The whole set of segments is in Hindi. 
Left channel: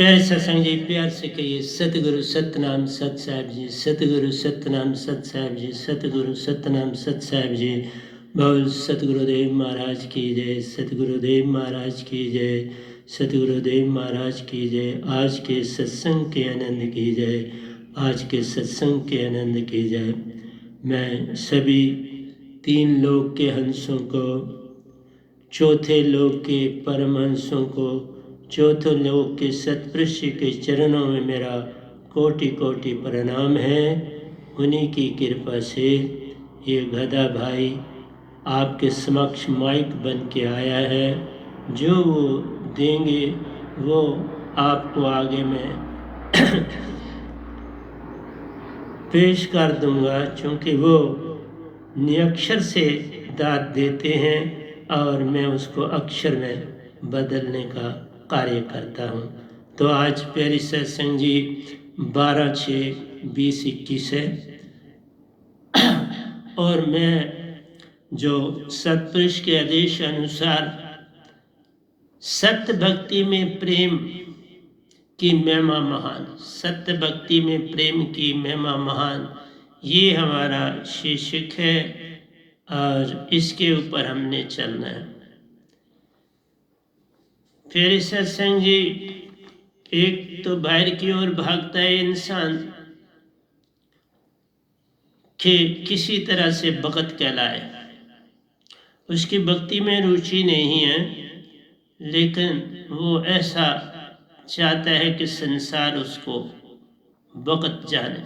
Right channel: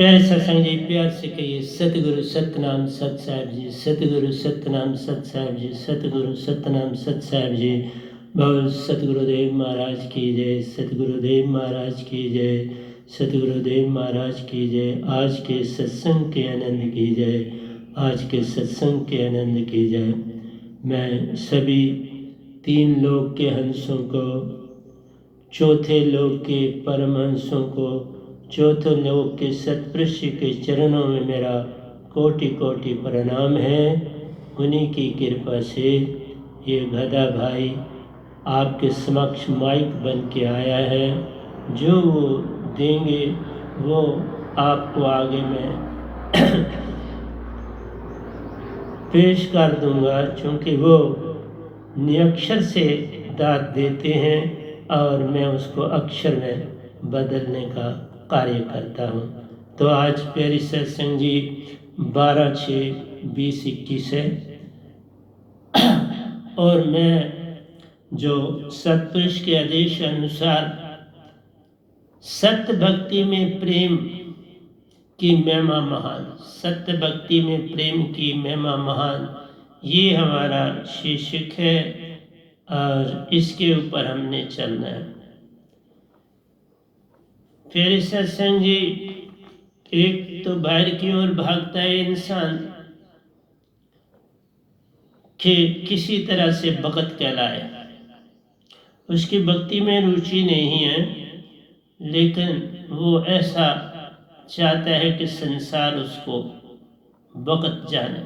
प्यारे सत्संग जी, प्यार से कहिए सतगुरु सतनाम सत साहिब जी, सतगुरु सतनाम सत साहिब जी, सतगुरु सतनाम सत साहिब जी। बोल सतगुरुदेव महाराज की जय, सतगुरुदेव महाराज की जय, सतगुरुदेव महाराज की जय। आज के सत्संग के आनंद की जय, आज के सत्संग के आनंद की जय। मैं सभी तीन लोक के हंसों को, चौथे लोक के परमहंसों को, चौथे लोक के सतपुरुष के चरणों में मेरा कोटि कोटि प्रणाम है। उन्हीं की कृपा से ये गधा भाई आपके समक्ष माइक बन के आया है। जो वो देंगे वो आपको आगे मैं पेश कर दूंगा, क्योंकि वो निरक्षर से दात देते हैं और मैं उसको अक्षर में बदलने का कार्य करता हूँ। तो आज प्यारी सत्संग जी 12/6/2021 है और मैं जो सतपुरुष के आदेश अनुसार सत्य भक्ति में प्रेम की महिमा महान, सत्य भक्ति में प्रेम की महिमा महान, ये हमारा शीर्षक है और इसके ऊपर हमने चलना है। फिर सत्संग जी, एक तो बाहर की ओर भागता है इंसान कि किसी तरह से भगत कहलाए, उसकी भक्ति में रुचि नहीं है, लेकिन वो ऐसा चाहता है कि संसार उसको भगत जाने।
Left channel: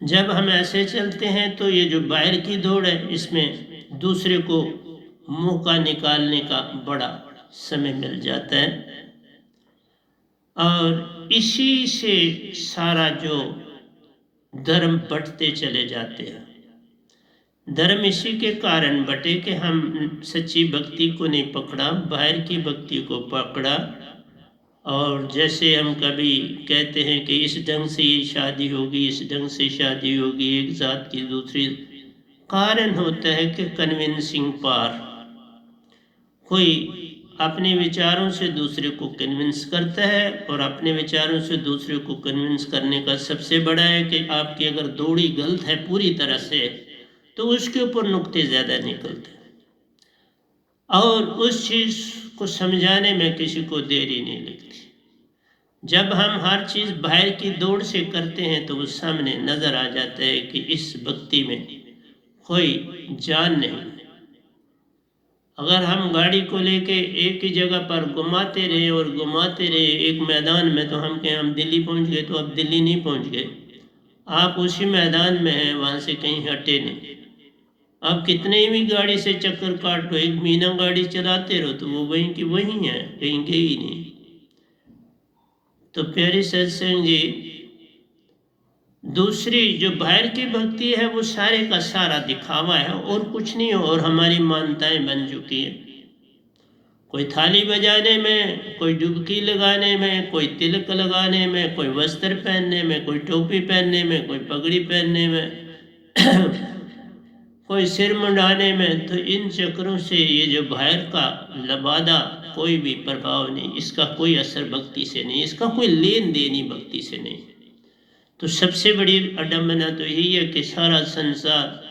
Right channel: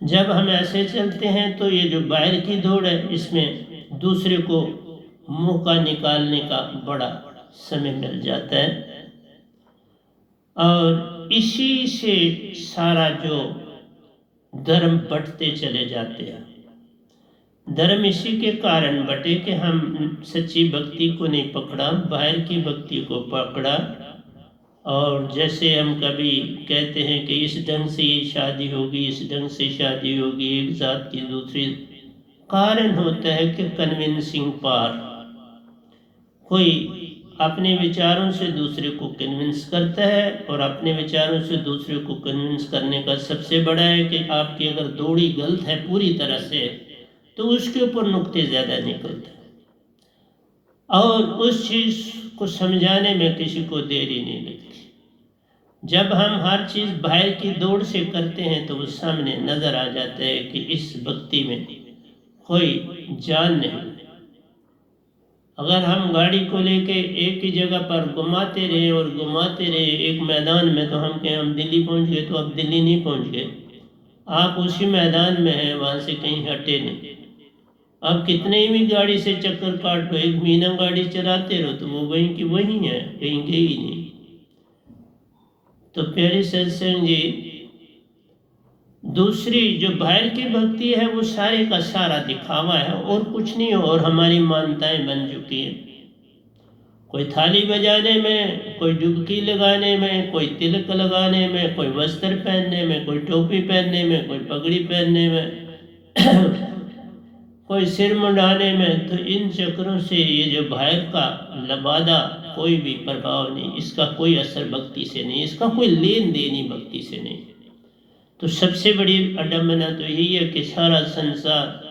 जब हम ऐसे चलते हैं तो ये जो बाहर की दौड़ है, इसमें दूसरे को मौका निकालने का बड़ा समय मिल जाता है और इसी से सारा जो धर्म बंटते चले जाते हैं। धर्म इसी के कारण बटे कि हम सच्ची भक्ति को नहीं पकड़ा, बाहर की भक्ति को पकड़ा। और जैसे हम कभी कहते हैं कि इस ढंग से ये शादी होगी, इस ढंग से शादी होगी, एक जात की दूसरी, कारण होता है कि कन्विंसिंग पावर। कोई अपने विचारों से दूसरे को कन्विंस करता है और अपने विचारों से दूसरे को कन्विंस करने का सबसे बड़ा है कि आपकी अगर दौड़ी गलत है पूरी तरह से तो उसके ऊपर नुक्ते ज़्यादा निकलते हैं और उस चीज़ को समझाने में किसी को देरी नहीं लगती। जब हम हर चीज़ बाहर की दौड़ से करते हैं तो वो सामने नज़र आ जाता है कि इस भक्ति में कोई जान नहीं। अगर हम गाड़ी को लेके एक ही जगह पर घुमाते रहे और घुमाते रहे एक मैदान में, तो हम कहें हम दिल्ली पहुंच गए, तो अब दिल्ली नहीं पहुंच गए, आप उसी मैदान में हैं, वहाँ से कहीं हटे नहीं। आप कितने भी गाड़ी से चक्कर काट लो, एक महीना गाड़ी चलाते रहो तो वो वहीं की वहीं है, कहीं गई नहीं। तो प्यारे सत्संग जी, दूसरी जो बाहर की भक्ति है वो सारे का सारा दिखावा है और कुछ नहीं है, और हमारी मान्यताएं बन चुकी है। कोई थाली बजाने में, कोई डुबकी लगाने में, कोई तिलक लगाने में, कोई वस्त्र पहनने में, कोई टोपी पहनने में, कोई पगड़ी पहनने में कोई सिर मुंडाने में, तो इन चक्रों से ये जो बाहर का लबादा कोई भी प्रभाव नहीं, इसका कोई असर भक्ति से नहीं, इसका कोई लेन देन ही भक्ति से नहीं। तो सबसे बड़ी अडम्बना तो यही है कि सारा संसार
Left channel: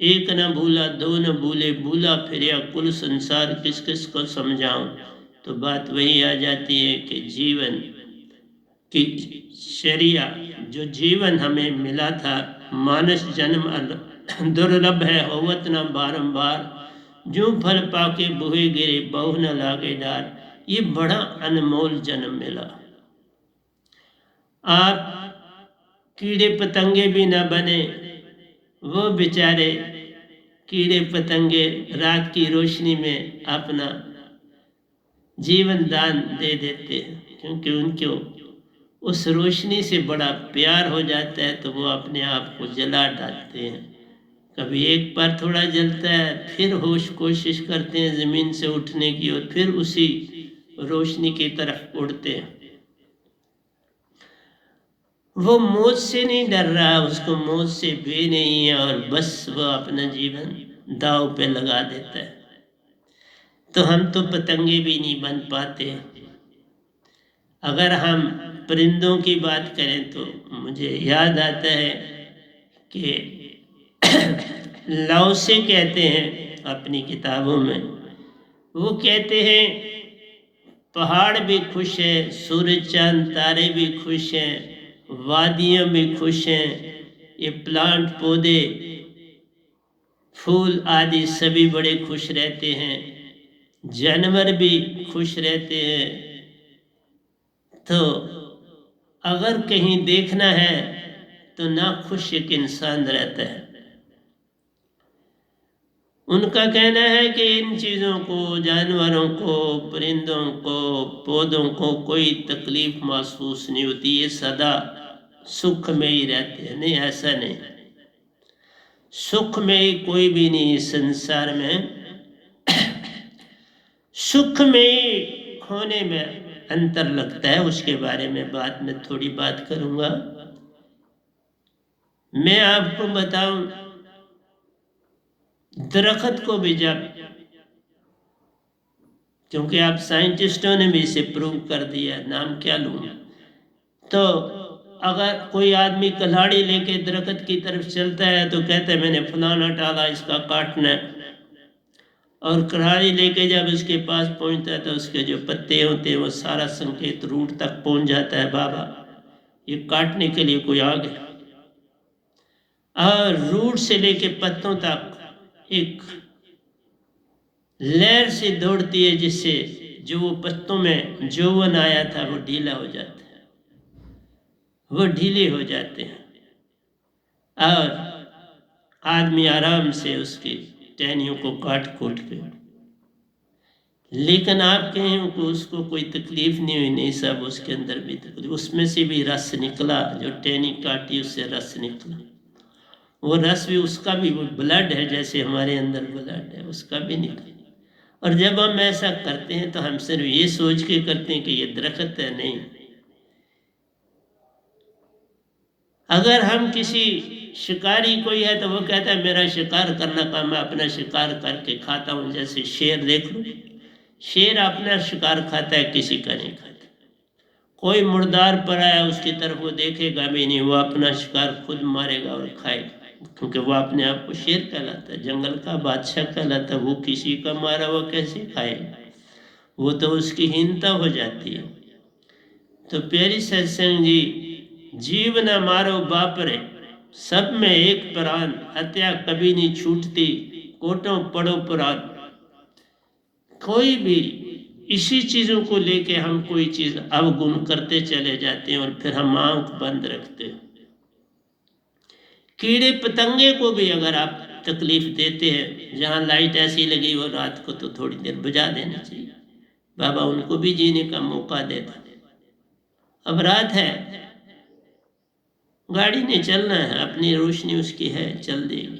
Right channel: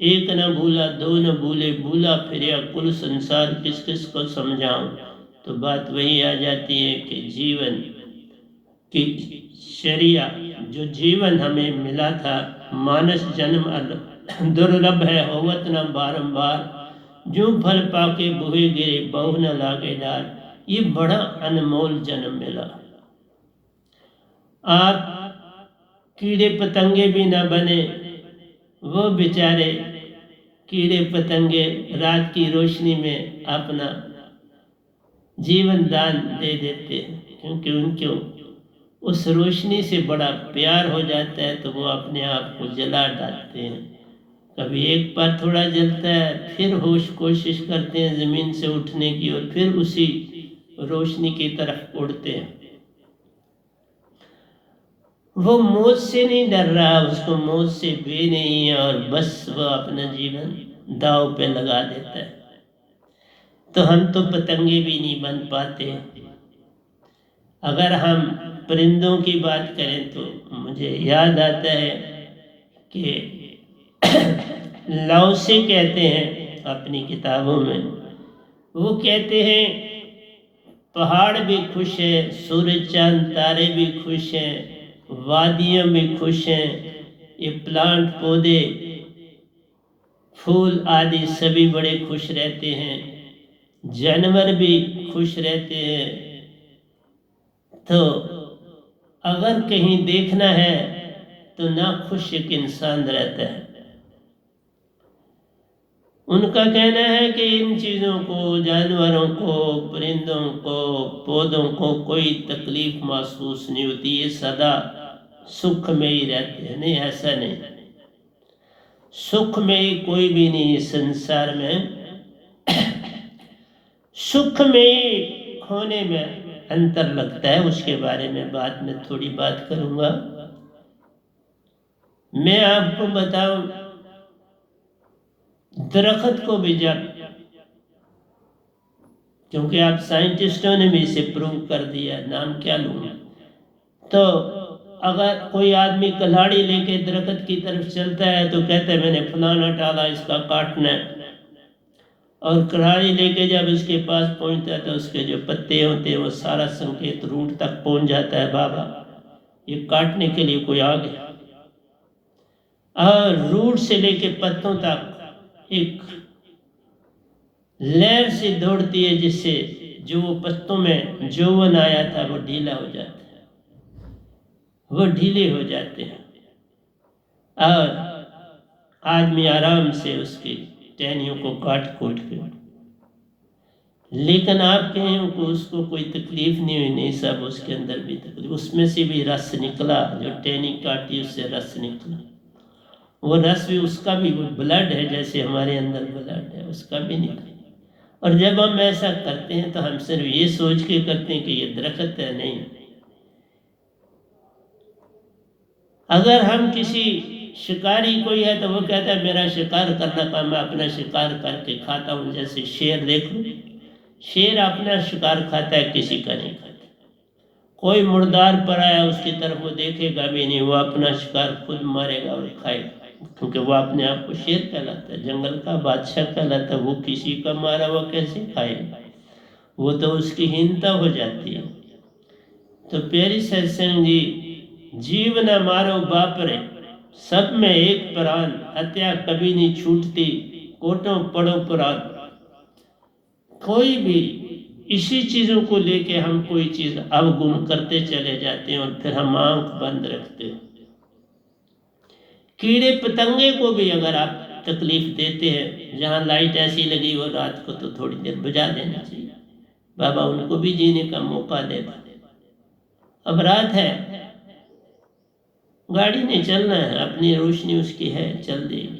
एक न भूला दो न भूले, भूला फिर कुल संसार, किस किस को समझाऊं। तो बात वही आ जाती है कि जीवन की शरिया, जो जीवन हमें मिला था, मानस जन्म दुर्लभ है होवत न बारंबार, जो फल पाके बुहे गिरे बहु न लागे डार। ये बड़ा अनमोल जन्म मिला। आप कीड़े पतंगे भी ना बने, वो बेचारे कीड़े पतंगे रात की रोशनी में अपना जीवन दान दे देते हैं, क्योंकि उनको उस रोशनी से बड़ा प्यार हो जाता है, तो वो अपने आप को जला डालते हैं। कभी एक बार थोड़ा जलता है, फिर होश कोशिश करते हैं ज़मीन से उठने की और फिर उसी रोशनी की तरफ उड़ते हैं। वो मौत से नहीं डर रहा, उसको मौत से भी नहीं है, और बस वो अपना जीवन दांव पे लगा देता है। तो हम तो पतंगे भी नहीं बन पाते, अगर हम परिंदों की बात करें तो मुझे याद आता है कि लाओ से कहते हैं अपनी किताबों में, वो कहते हैं पहाड़ भी खुश हैं, सूरज चांद तारे भी खुश हैं, वादियाँ भी खुश हैं, ये प्लांट पौधे फूल आदि सभी बड़े खुश रहते हैं, जानवर भी खुश रहते हैं। तो अगर कहीं देखना है तो ना खुश एक इंसान रहता है। उनका कहना है कि इन चीज़ों को, जानवरों को, परिंदों को, पौधों को कोई तकलीफ महसूस नहीं होती, ये सदा सुख में ही रहते हैं। नहीं, ऐसा नहीं, सुख में कोई भी नहीं इस संसार में। सुख में खोने में अंतर लगता है, उसके बारे में बाद में थोड़ी बात करूंगा। मैं आपको बताऊं, दरख्त को भी जब, क्योंकि आप साइंटिस्टों ने भी इसे प्रूव कर दिया, नाम क्या लूँ, तो अगर कोई आदमी कल्हाड़ी लेके दरख्त की तरफ चलता है तो कहता है मैंने फलाना डाला, इसका काटना है, और कल्हाड़ी लेके जब उसके पास पहुंचता है तो उसके जो पत्ते होते हैं वो सारा संकेत रूट तक पहुंच जाता है, बाबा ये काटने के लिए कोई आ गया। और रूट से लेके पत्तों तक एक लहर से दौड़ती है, जिससे जो वो पत्तों में जौवन आया था वो ढीला हो जाता है, वो ढीले हो जाते हैं, और आदमी आराम से उसकी टहनियों को काट कूट के। लेकिन आप कहें को उसको कोई तकलीफ नहीं हुई, नहीं सब उसके अंदर भी तकलीफ, उसमें से भी रस निकला, जो टहनी काटी उससे रस निकला, वो रस भी उसका भी वो ब्लड है, जैसे हमारे अंदर ब्लड है, उसका भी निकला। और जब हम ऐसा करते हैं तो हम सिर्फ ये सोच के करते हैं कि ये दरख्त है, नहीं। अगर हम किसी शिकारी कोई है तो वो कहता है मेरा शिकार करना का, मैं अपना शिकार करके खाता हूँ। जैसे शेर देख लो, शेर अपना शिकार खाता है, किसी का नहीं खाता। कोई मुर्दार पर आया उसकी तरफ वो देखेगा भी नहीं, वो अपना शिकार खुद मारेगा और खाएगा, क्योंकि वो अपने आप को शेर कहलाता है, जंगल का बादशाह कहलाता है। वो किसी का मारा हुआ कैसे खाएगा, वो तो उसकी हीनता हो जाती है। तो प्यारी सत्संग जी, जीव न मारो बापरे, सब में एक प्राण, हत्या कभी नहीं छूटती, कोटों पड़ो पुराण। कोई भी इसी चीज़ों को लेके हम कोई चीज़ अवगुण करते चले जाते हैं और फिर हम आंख बंद रखते हैं। कीड़े पतंगे को भी अगर आप तकलीफ देते हैं, जहाँ लाइट ऐसी लगी हो रात को तो थोड़ी देर बुझा देना चाहिए, बाबा उनको भी जीने का मौका देता। अब रात है, गाड़ी नहीं चलना है, अपनी रोशनी उसकी है, चल देगी।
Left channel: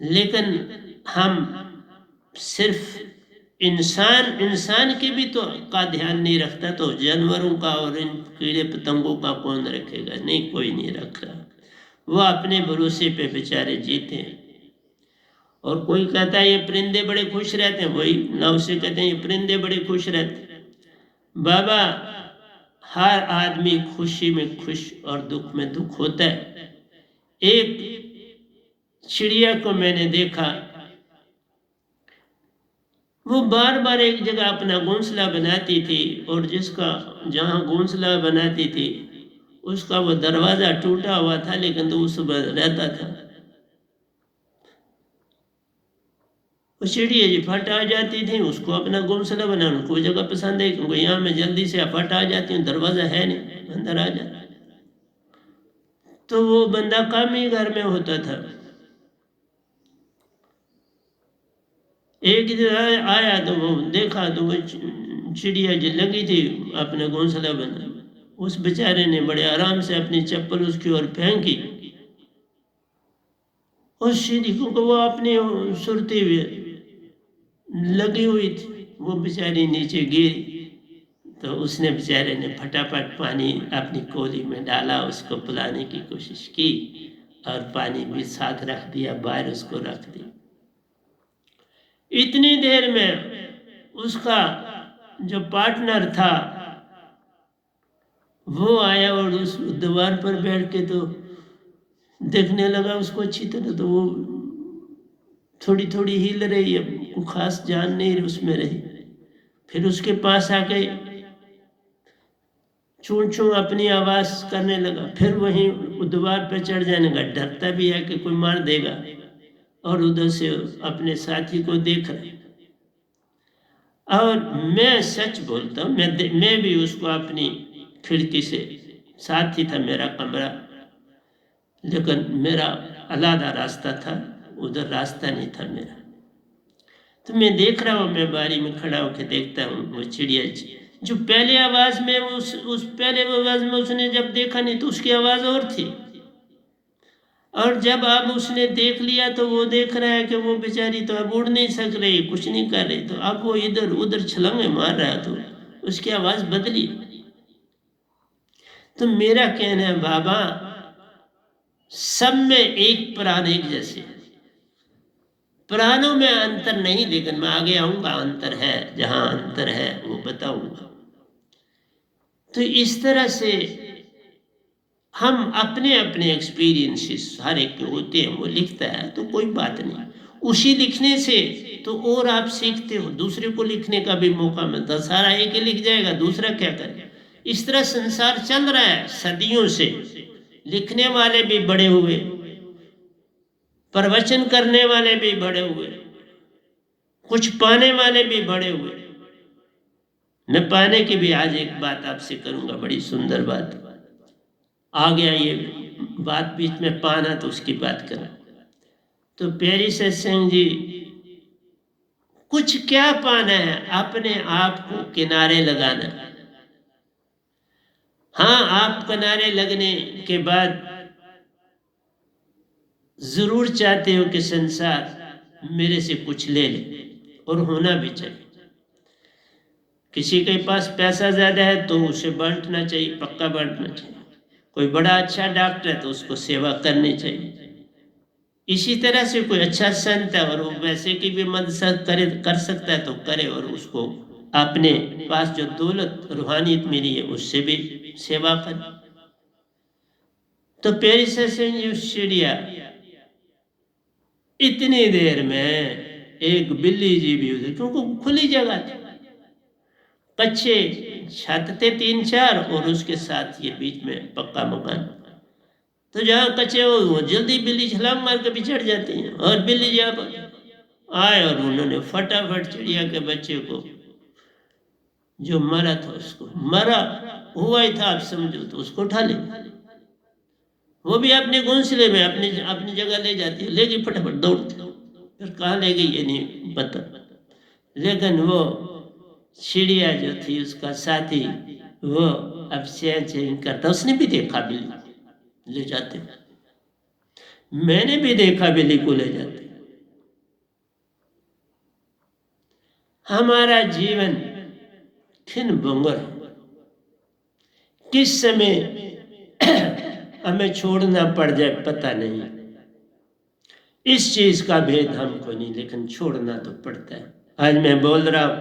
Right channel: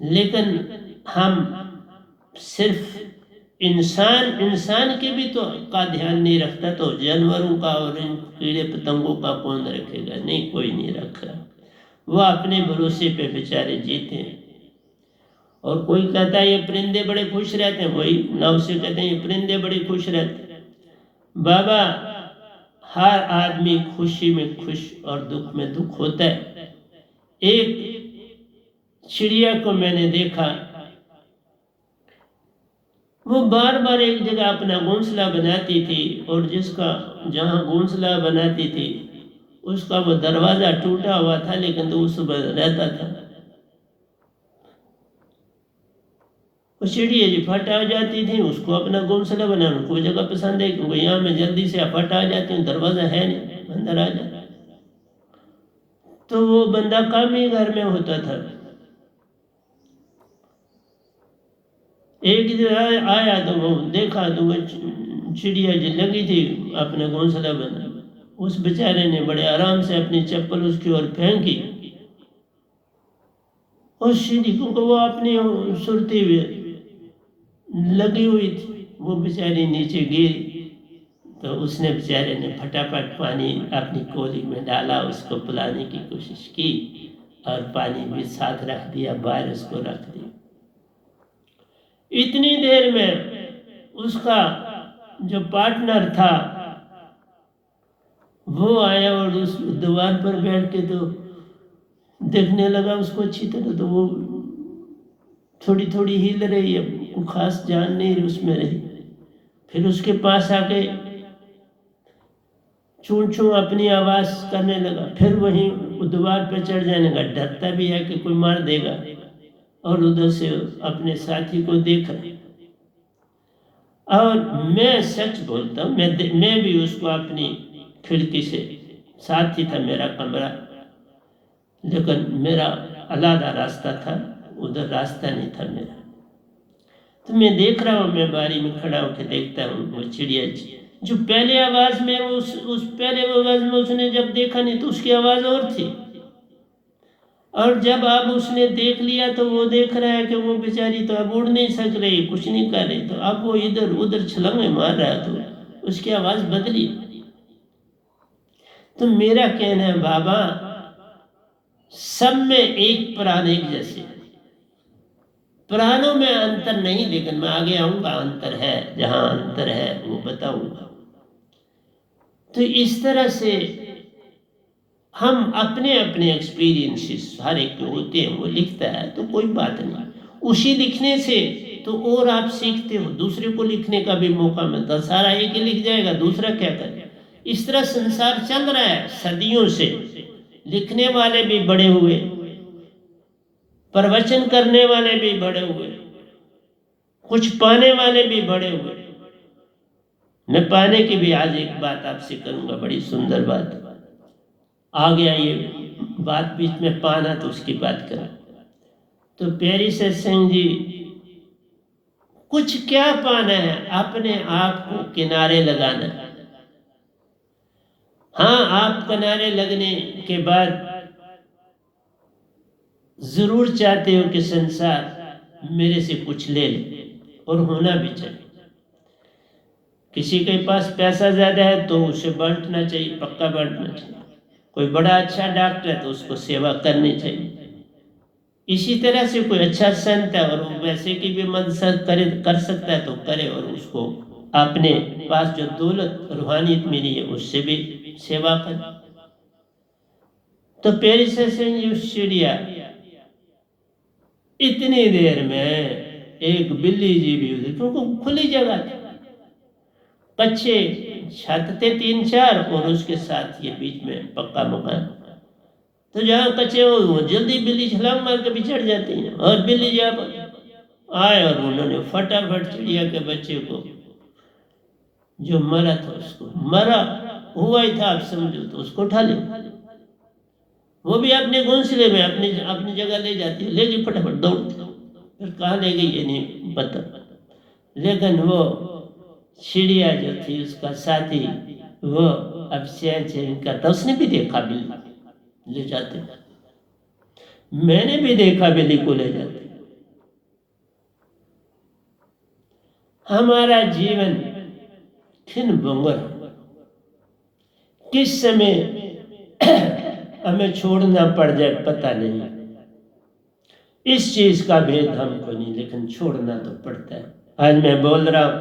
लेकिन हम सिर्फ इंसान के भी तो का ध्यान नहीं रखता, तो जानवरों का और इन कीड़े पतंगों का कौन रखेगा? नहीं, कोई नहीं रख रहा। वो अपने भरोसे पे बेचारे जीते हैं। और कोई कहता है ये परिंदे बड़े खुश रहते हैं, कोई लाओ से कहते हैं ये परिंदे बड़े खुश रहते हैं। बाबा, हर आदमी खुशी में खुश और दुख में दुख होता है। एक चिड़िया को मैंने देखा, वो बार बार एक जगह अपना घोंसला बनाती थी, और जिसका जहाँ घोंसला बनाती थी उसका वो दरवाज़ा टूटा हुआ था, लेकिन तो उस पर रहता था। वो चिड़िया जी फट आ जाती थी, उसको अपना घोंसला बनाना कोई जगह पसंद है, क्योंकि यहाँ मैं जल्दी से फट आ जाती हूँ, दरवाज़ा है नहीं, अंदर आ जाता। तो वो बंदा काम ही घर में होता था। एक दिन आया तो वो देखा तो वो चिड़िया जी लगी थी अपना घोंसला बना। उस बेचारे ने बड़े आराम से अपनी चप्पल उसकी ओर फेंकी, उस सीढ़ी को वो अपनी सुरती हुई लगी हुई थी, वो बेचारी नीचे गिरी। तो उसने बेचारे ने फटाफट पानी अपनी कोली में डाला, उसको पिलाने की कोशिश की, और पानी भी साथ रख दिया, बाहर उसको रख दिया। इतनी देर में उसका जो पार्टनर था वो आया और उस दीवार पर बैठ के तो देखने लगा उसको अच्छी तरह, तो वो थोड़ी थोड़ी हिल रही है, वो खास जान नहीं रही उसमें रही। फिर उसके पास आके चूं चूं अपनी आवाज करने लगा, फिर वहीं दीवार पे चढ़ जाने का, डरता भी है कि कोई मार देगा, और उधर से अपने साथी को देख रहा। और मैं सच बोलता हूँ, मैं भी उसको अपनी खिड़की से, साथ ही था मेरा कमरा, लेकिन मेरा अलग रास्ता था, उधर रास्ता नहीं था मेरा। तो मैं देख रहा हूँ, मैं बारी में खड़ा होकर देखता हूँ वो चिड़िया जो पहले आवाज में उस पहले आवाज में उसने जब देखा नहीं तो उसकी आवाज और थी, और जब अब उसने देख लिया तो वो देख रहा है कि वो बेचारी तो अब उड़ नहीं सक रही, कुछ नहीं कर रही, तो अब वो इधर उधर छलांगे मार रहा है, तो उसकी आवाज बदली। तो मेरा कहना है बाबा, सब में एक प्राण एक जैसे, प्राणों में अंतर नहीं, लेकिन मैं आगे आऊंगा, अंतर है, जहां अंतर है वो बताऊंगा। तो इस तरह से हम अपने अपने एक्सपीरियंसेस हर एक के होते हैं, वो लिखता है तो कोई बात नहीं, उसी लिखने से तो और आप सीखते हो, दूसरे को लिखने का भी मौका मिलता है। सारा एक ही लिख जाएगा, दूसरा क्या करे? इस तरह संसार चल रहा है सदियों से, लिखने वाले भी बड़े हुए, प्रवचन करने वाले भी बड़े हुए, कुछ पाने वाले भी बड़े हुए। मैं पाने की भी आज एक बात आपसे करूंगा, बड़ी सुंदर बात आ गया, ये बात बीच में पाना, तो उसकी बात करें। तो प्यारी सत्संग जी, कुछ क्या पाना है? अपने आप को किनारे लगाना। हाँ, आप किनारे लगने के बाद जरूर चाहते हो कि संसार मेरे से कुछ ले ले, और होना भी चाहिए। किसी के पास पैसा ज्यादा है तो उसे बांटना चाहिए, पक्का बांटना चाहिए। कोई बड़ा अच्छा डॉक्टर है तो उसको सेवा करनी चाहिए। इसी तरह से कोई अच्छा संत है और वो वैसे की भी मदद कर सकता है तो करे, और उसको अपने पास जो दौलत रूहानियत मिली है उससे भी सेवा करे। तो पेरिस से चिड़िया इतनी देर में एक बिल्ली जी भी उधर, क्योंकि खुली जगह थी, कच्चे छत थे 3-4, और उसके साथ ये बीच में पक्का मकान। तो जहाँ कच्चे हो वो जल्दी बिल्ली छलांग मार के भी चढ़ जाती है, और बिल्ली जहाँ पर आए और उन्होंने फटाफट चिड़िया के बच्चे को, जो मरा था उसको, मरा हुआ ही था आप समझो, तो उसको उठा ले, वो भी अपने घोंसले में अपनी अपनी जगह ले जाती है, लेगी फटाफट दौड़ती, फिर कहाँ ले गई ये नहीं पता। लेकिन वो चिड़िया जो थी, उसका साथी, वो अब चैन करता, उसने भी देखा बिल्ली ले जाते, मैंने भी देखा बिल्ली को ले जाते। हमारा जीवन खिन बुंगर, किस समय हमें छोड़ना पड़ जाए पता नहीं, इस चीज का भेद हमको नहीं, लेकिन छोड़ना तो पड़ता है। आज मैं बोल रहा हूं,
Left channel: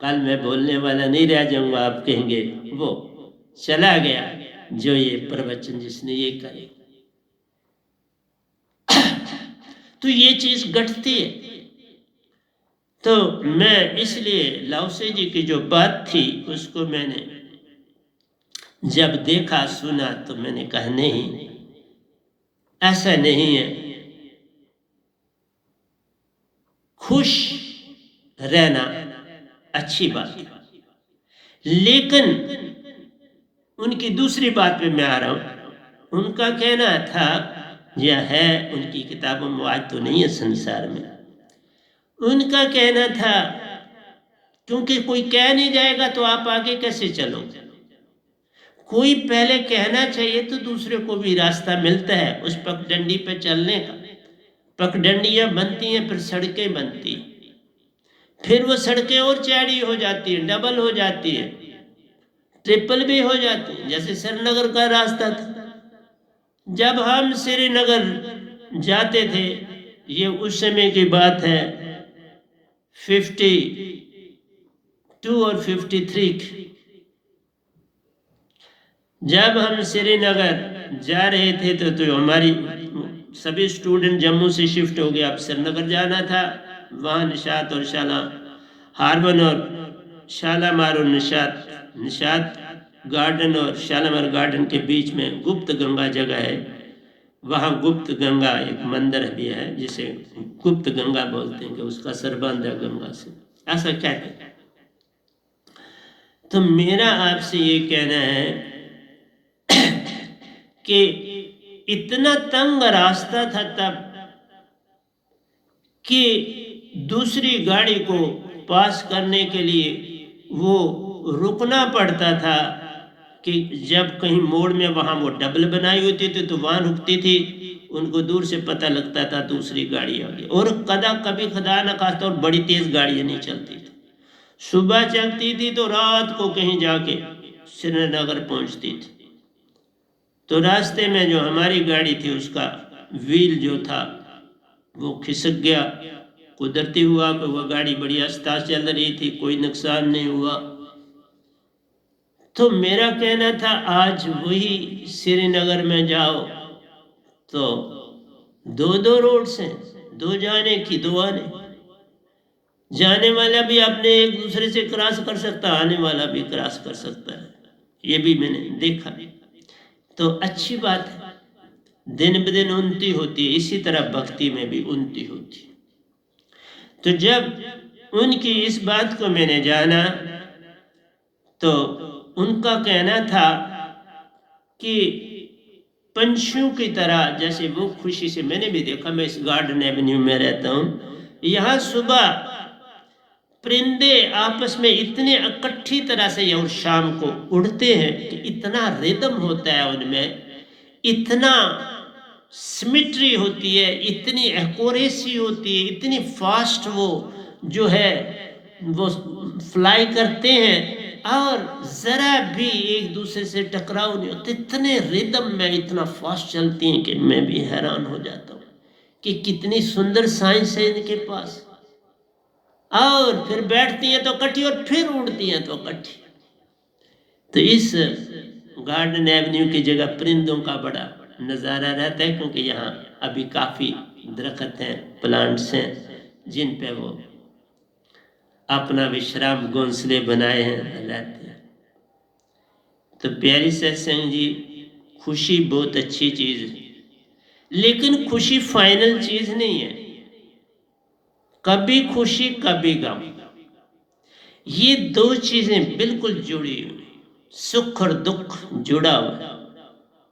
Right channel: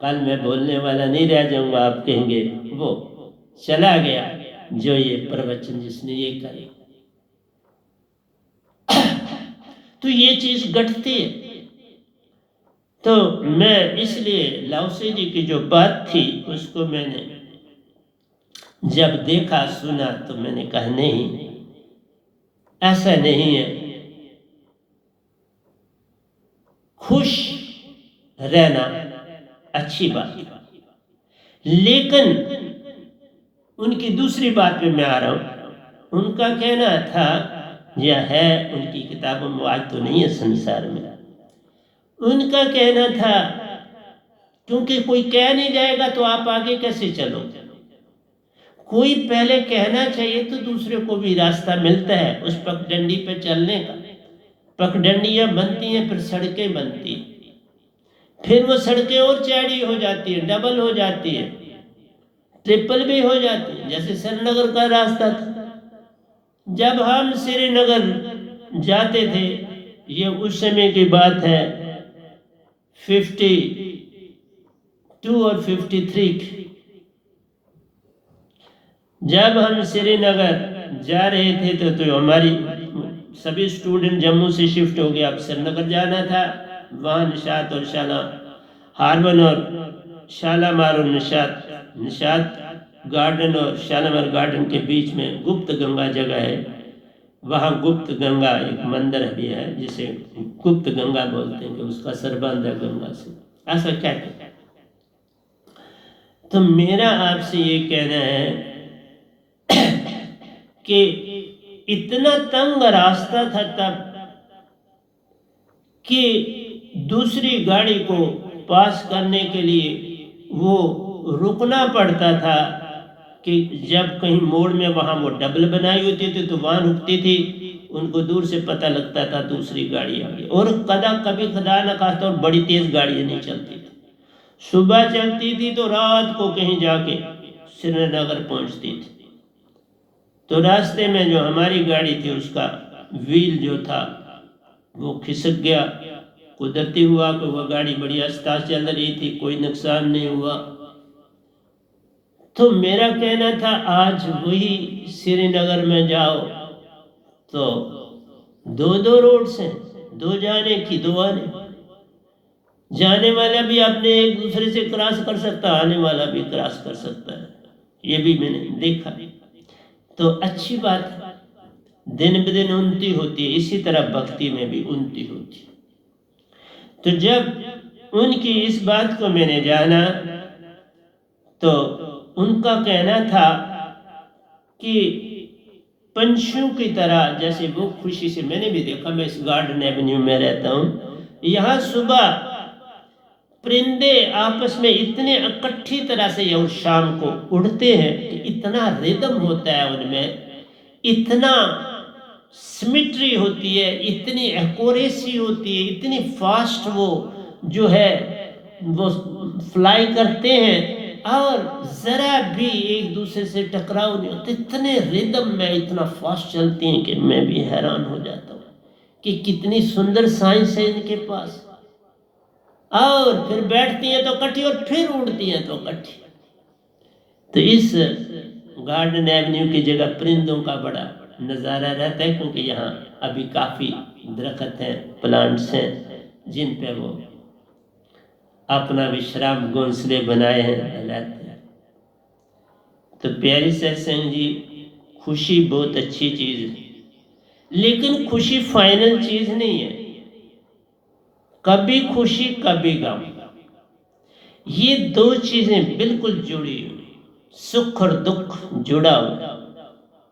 कल मैं बोलने वाला नहीं रह जाऊंगा, आप कहेंगे वो चला गया जो ये प्रवचन जिसने ये करे। तो ये चीज घटती है। तो मैं इसलिए लाओसे जी की जो बात थी उसको मैंने जब देखा सुना तो मैंने कहा नहीं, ऐसा नहीं है, खुश रहना अच्छी बात है। लेकिन उनकी दूसरी बात पे मैं आ रहा हूं, उनका कहना था, यह है उनकी किताबों में, आज तो नहीं है संसार में, उनका कहना था क्योंकि कोई कह नहीं जाएगा तो आप आगे कैसे चलोगे, कोई पहले कहना चाहिए तो दूसरे को भी रास्ता मिलता है उस पगडंडी पे चलने का। पगडंडियां बनती हैं, फिर सड़कें बनती हैं, फिर वो सड़कें और चौड़ी हो जाती है, डबल हो जाती है, ट्रिपल भी हो जाती है। जैसे श्रीनगर का रास्ता था, जब हम श्रीनगर जाते थे, ये उस समय की बात है 52 और 53 की, जब हम श्रीनगर जा रहे थे तो हमारी सभी स्टूडेंट जम्मू से शिफ्ट हो गए। अब श्रीनगर जाना था, वहाँ निशात और शाला हार्बन और शालामार और निशात गार्डन और शालामार गार्डन के बीच में गुप्त गंगा जगह है। वहाँ गुप्त गंगा एक मंदिर भी है जिसे गुप्त गंगा बोलते हैं, कि उसका संबंध है गंगा से, ऐसा कहते हैं। तो मेरा आपसे ये कहना है कि इतना तंग रास्ता था तब कि दूसरी गाड़ी को पास करने के लिए वो रुकना पड़ता था, कि जब कहीं मोड़ में वहाँ वो डबल बनाई होती थी तो वहाँ रुकती थी, उनको दूर से पता लगता था दूसरी गाड़ी आ गई। और कभी खुदा न खास्ता और बड़ी तेज गाड़ियाँ नहीं चलती थी, सुबह चलती थी तो रात को कहीं जाके श्रीनगर पहुँचती थी। तो रास्ते में जो हमारी गाड़ी थी उसका व्हील जो था वो खिसक गया, कुदरती हुआ कि वह गाड़ी बड़ी आस्ता चल रही थी, कोई नुकसान नहीं हुआ। तो मेरा कहना था आज वही श्रीनगर में जाओ तो दो रोड से, दो जाने की दो आने, जाने वाला भी अपने एक दूसरे से क्रॉस कर सकता, आने वाला भी क्रॉस कर सकता है, ये भी मैंने देखा। तो अच्छी बात है, दिन ब दिन उन्नति होती है, इसी तरह भक्ति में भी उन्नति होती है। तो जब उनकी इस बात को मैंने जाना तो उनका कहना था कि पंछियों की तरह जैसे वो खुशी से, मैंने भी देखा, मैं इस गार्डन एवेन्यू में रहता हूँ, यहाँ सुबह परिंदे आपस में इतने इकट्ठी तरह से और शाम को उड़ते हैं कि इतना रिदम होता है उनमें, इतना सिमिट्री होती है, इतनी एक्यूरेसी होती है, इतनी फास्ट वो जो है वो फ्लाई करते हैं और जरा भी एक दूसरे से टकराव नहीं होते, इतने रिदम में इतना फास्ट चलती हैं कि मैं भी हैरान हो जाता हूँ कि कितनी सुंदर साइंस है इनके पास। और फिर बैठती हैं तो इकट्ठी और फिर उड़ती हैं तो इकट्ठी। तो इस गार्डन एवेन्यू की जगह परिंदों का बड़ा नज़ारा रहता है, क्योंकि यहाँ अभी काफ़ी दरख्त हैं, प्लांट्स हैं जिन पे वो अपना विश्राम घोंसले बनाए हैं, रहते हैं। तो प्यारी सत्संग जी, खुशी बहुत अच्छी चीज़ है, लेकिन खुशी फाइनल चीज़ नहीं है। कभी खुशी कभी गम, ये दो चीजें बिल्कुल जुड़ी हुई, सुख और दुख जुड़ा हुआ,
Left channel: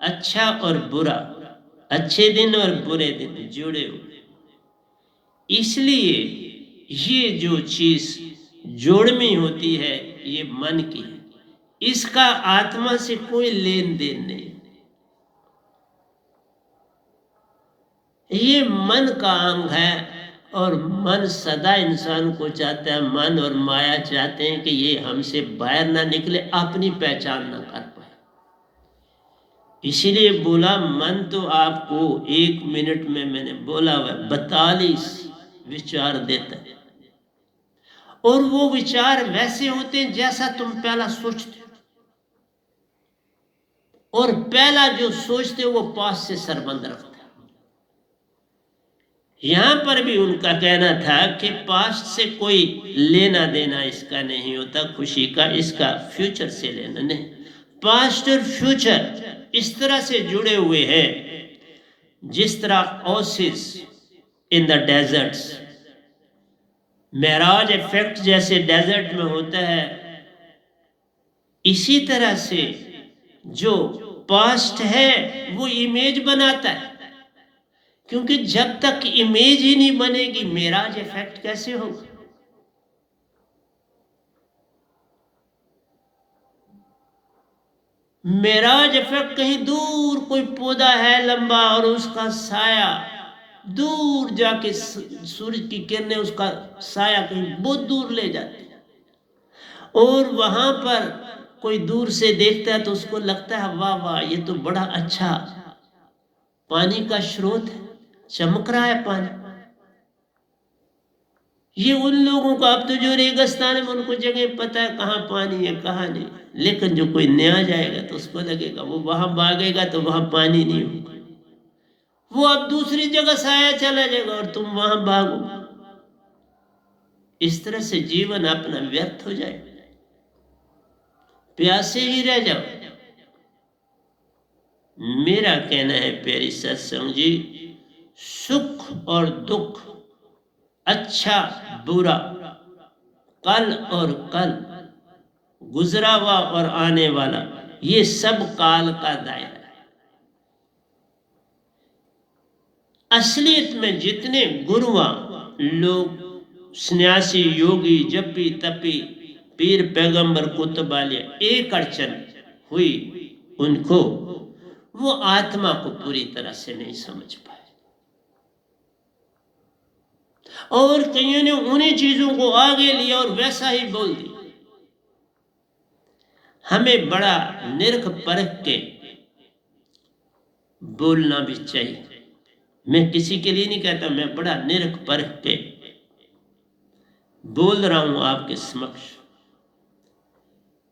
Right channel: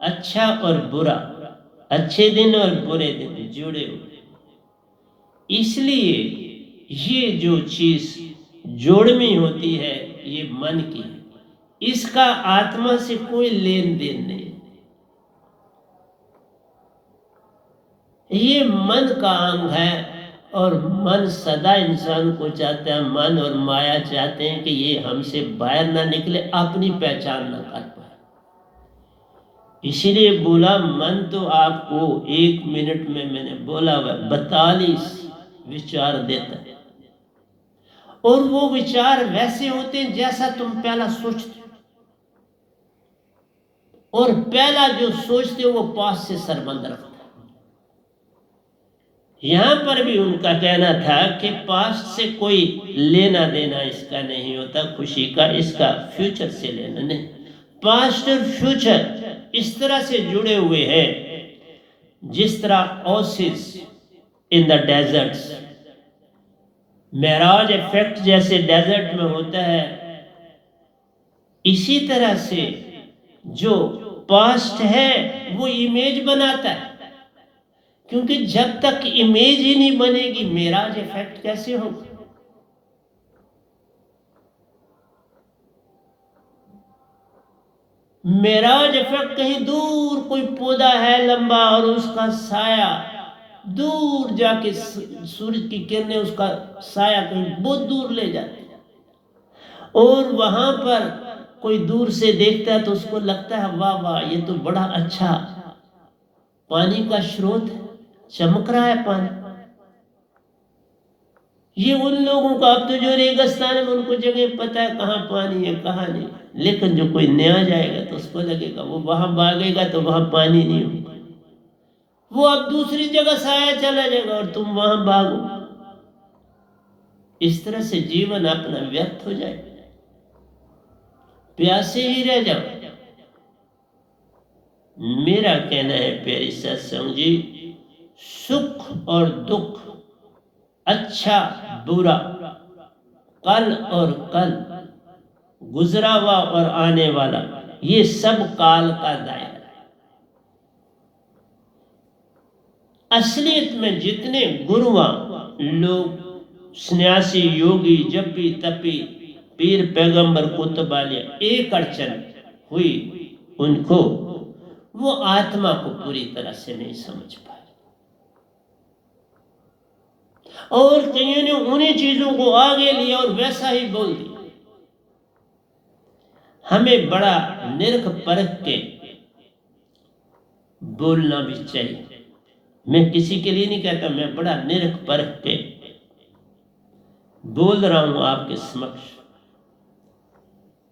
अच्छा और बुरा, अच्छे दिन और बुरे दिन जुड़े हुए। इसलिए ये जो चीज जोड़मी होती है ये मन की, इसका आत्मा से कोई लेन देन नहीं। ये मन का अंग है और मन सदा इंसान को चाहता है, मन और माया चाहते हैं कि ये हमसे बाहर ना निकले, अपनी पहचान ना कर पाए। इसीलिए बोला मन तो आपको 1 मिनट में मैंने बोला हुआ 42 विचार देता है, और वो विचार वैसे होते हैं जैसा तुम पहला सोचते हो, और पहला जो सोचते हो वो पास से संबंध रखता है। यहाँ पर भी उनका कहना था कि पास्ट से कोई लेना देना इसका नहीं होता खुशी का, इसका फ्यूचर से लेना नहीं। पास्ट और फ्यूचर इस तरह से जुड़े हुए हैं जिस तरह oasis in the deserts, mirage effect जैसे डेजर्ट में होता है, इसी तरह से जो पास्ट है वो इमेज बनाता है, क्योंकि जब तक इमेज ही नहीं बनेगी मेराज इफेक्ट कैसे होगा। मेराज इफेक्ट कहीं दूर कोई पौधा है लंबा और उसका साया दूर जाके सूरज की किरणें उसका साया कहीं बहुत दूर ले जाती है, और वहां पर कोई दूर से देखता है तो उसको लगता है वाह वाह ये तो बड़ा अच्छा पानी का स्रोत है, चमक रहा है पानी। ये उन लोगों को, अब तो जो रेगिस्तान है उनको जगह पता है कहाँ पानी है कहाँ नहीं, लेकिन जो कोई नया जाएगा तो उसको लगेगा, वो वहां भागेगा तो वहां पानी नहीं होगा, वो अब दूसरी जगह साया चला जाएगा और तुम वहां भागो। इस तरह से जीवन अपना व्यर्थ हो जाए, प्यासे ही रह जाओ। मेरा कहना है प्यारी सत्संग जी, सुख और दुख, अच्छा बुरा, कल और कल, गुजरा हुआ और आने वाला, ये सब काल का दायरा है। असलियत में जितने गुरुआ लोग, सन्यासी, योगी, जपी तपी, पीर, पैगंबर, कुतुब वाले, एक अड़चन हुई उनको, वो आत्मा को पूरी तरह से नहीं समझ पाए, और कईयों ने उन्हीं चीजों को आगे लिया और वैसा ही बोल दिया। हमें बड़ा निरख परख के बोलना भी चाहिए। मैं किसी के लिए नहीं कहता, मैं बड़ा निरख परख के बोल रहा हूं आपके समक्ष,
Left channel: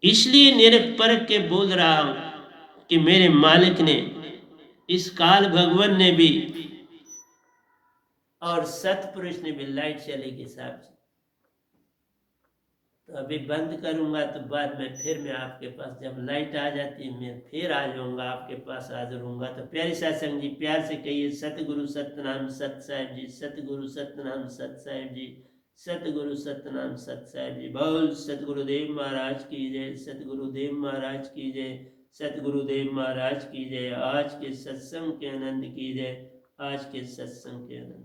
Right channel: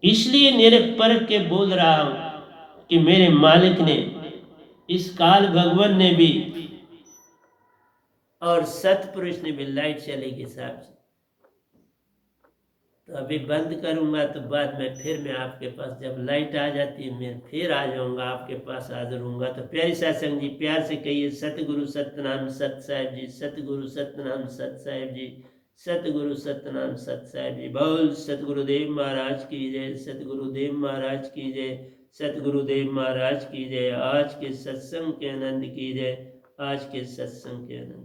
इसलिए निरख परख के बोल रहा हूं कि मेरे मालिक ने, इस काल भगवान ने भी और सतपुरुष ने भी, लाइट चलेगी साहब जी, तो अभी बंद करूंगा, तो बाद में फिर मैं आपके पास, जब लाइट आ जाती है मैं फिर आ जाऊंगा आपके पास, हाजिर होऊंगा। तो प्यारी सत्संग जी, प्यार से कहिए, सतगुरु सतनाम सत साहिब जी, सतगुरु सतनाम सत साहिब जी, सतगुरु सतनाम सत साहिब जी। बोल सतगुरुदेव महाराज की जय, सतगुरुदेव महाराज की जय, सतगुरुदेव महाराज की जय। आज के सत्संग के आनंद की जय, आज के सत्संग के आनंद।